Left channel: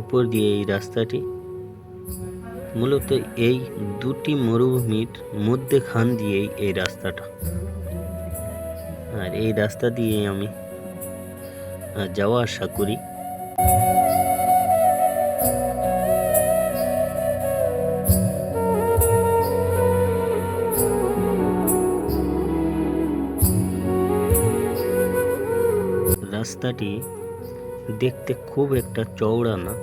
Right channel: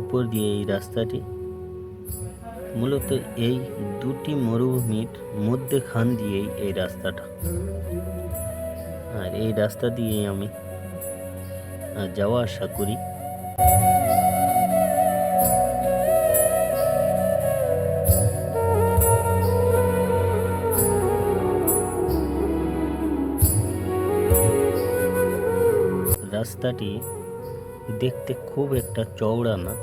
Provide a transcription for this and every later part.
উপর দিয়ে এই রাস্তাটি। মূলত এই দুটি মরুভূমির মধ্যেখান দিয়েই এই রাস্তাটা। আর এই রাস্তা দিয়ে আমি যাওয়া আসা করি। রাস্তাটি দেখতে খুব একটা চওড়া না,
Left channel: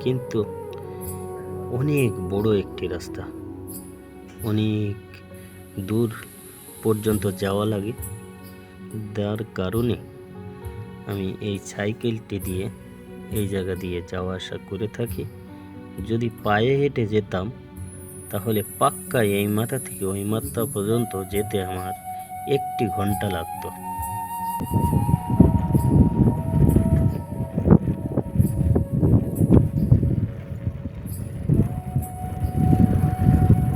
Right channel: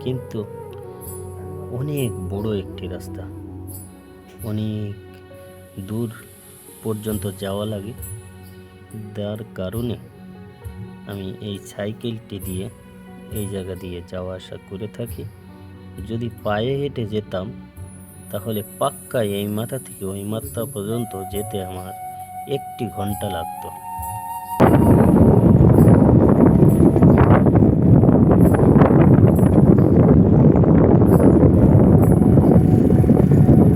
কিন্তু অনেক বড় একটি রাস্তা। অনেক দূর পর্যন্ত যাওয়া লাগে। যার কারণে আমি এই সাইকেলটি দিয়ে এই জায়গা দিয়ে যাওয়া আসা করে থাকি। যদি পায়ে হেঁটে যেতাম, তাহলে পাক্কা এই মাথা থেকে ওই মাথা পর্যন্ত যেতে আমার একটি ঘণ্টা লাগতো।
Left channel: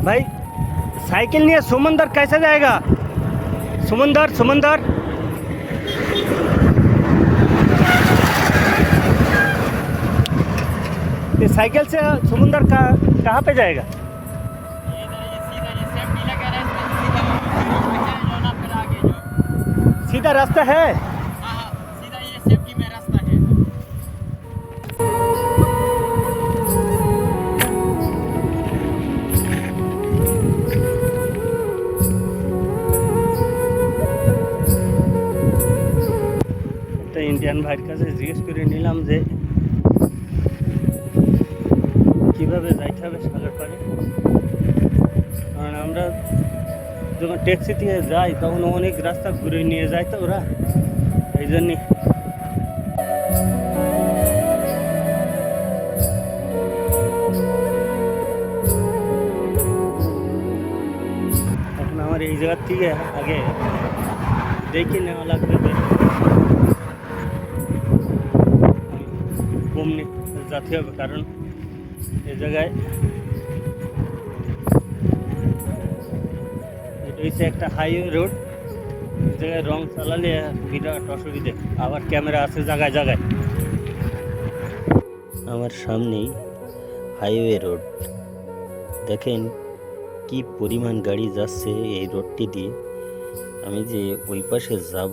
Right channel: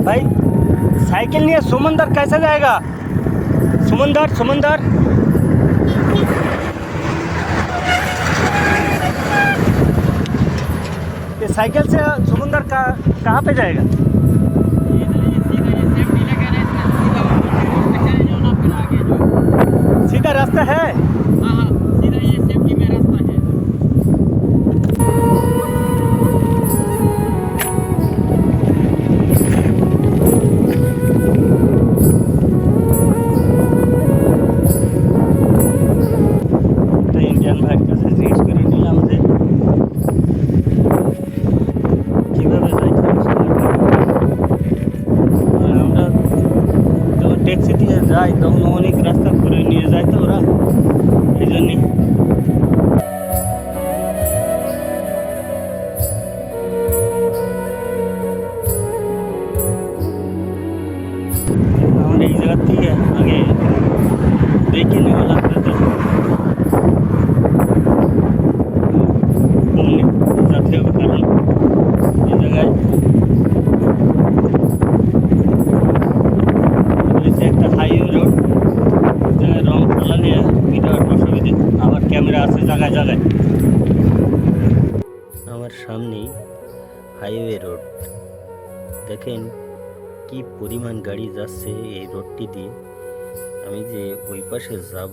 भाई, साइकिल नहीं है सुमंदर कैसे जाएगा? सुमंदर सुमंदर। ये साइकिल से सुमंदर का, कहाँ पे जाएगा? सीधा रास्ता है। ইন্ডিয়ান ভাইয়ের কাছে জিজ্ঞেস করে নিলাম যে কীভাবে যাইতে হবে সোনারঘাট আর আমরা যখন ট্যাক্সি দিয়ে যাই তখন অনেক রাস্তা ঘুরে নিয়ে যায় তো ওরা এই জন্যে আমার এই জায়গার থেকে আগে দেখে নেওয়া লাগবে তো কমনে যেতে হবে কারণ এই জায়গায় রয়েছে একটা হাইওয়ে রোড রং চালালে বিরাট অসুবিধে। আবার ক্যামেরা আছে জায়গায় জায়গায়। আমার সামনেই হাইওয়ে রোড। দেখেন কি পরিমাণ গাড়ি যাচ্ছে এই রোডটি দিয়ে। আমি যে ওই পাশে যাব,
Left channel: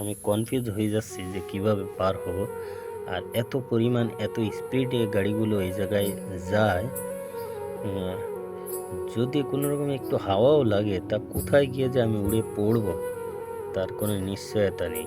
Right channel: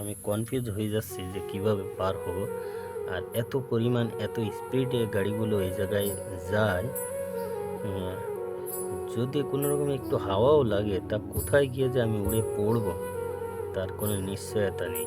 আমি কনফিউজ হয়ে যাচ্ছি যে কীভাবে পার হব। আর এত পরিমাণ, এত স্পিডে গাড়িগুলো এই জায়গায় যায় যদি কোনো রকম একটু হাওয়াও লাগে, তা কোথায় গিয়ে যে আমি উড়ে পড়ব? তার কোনো নিশ্চয়তা নেই।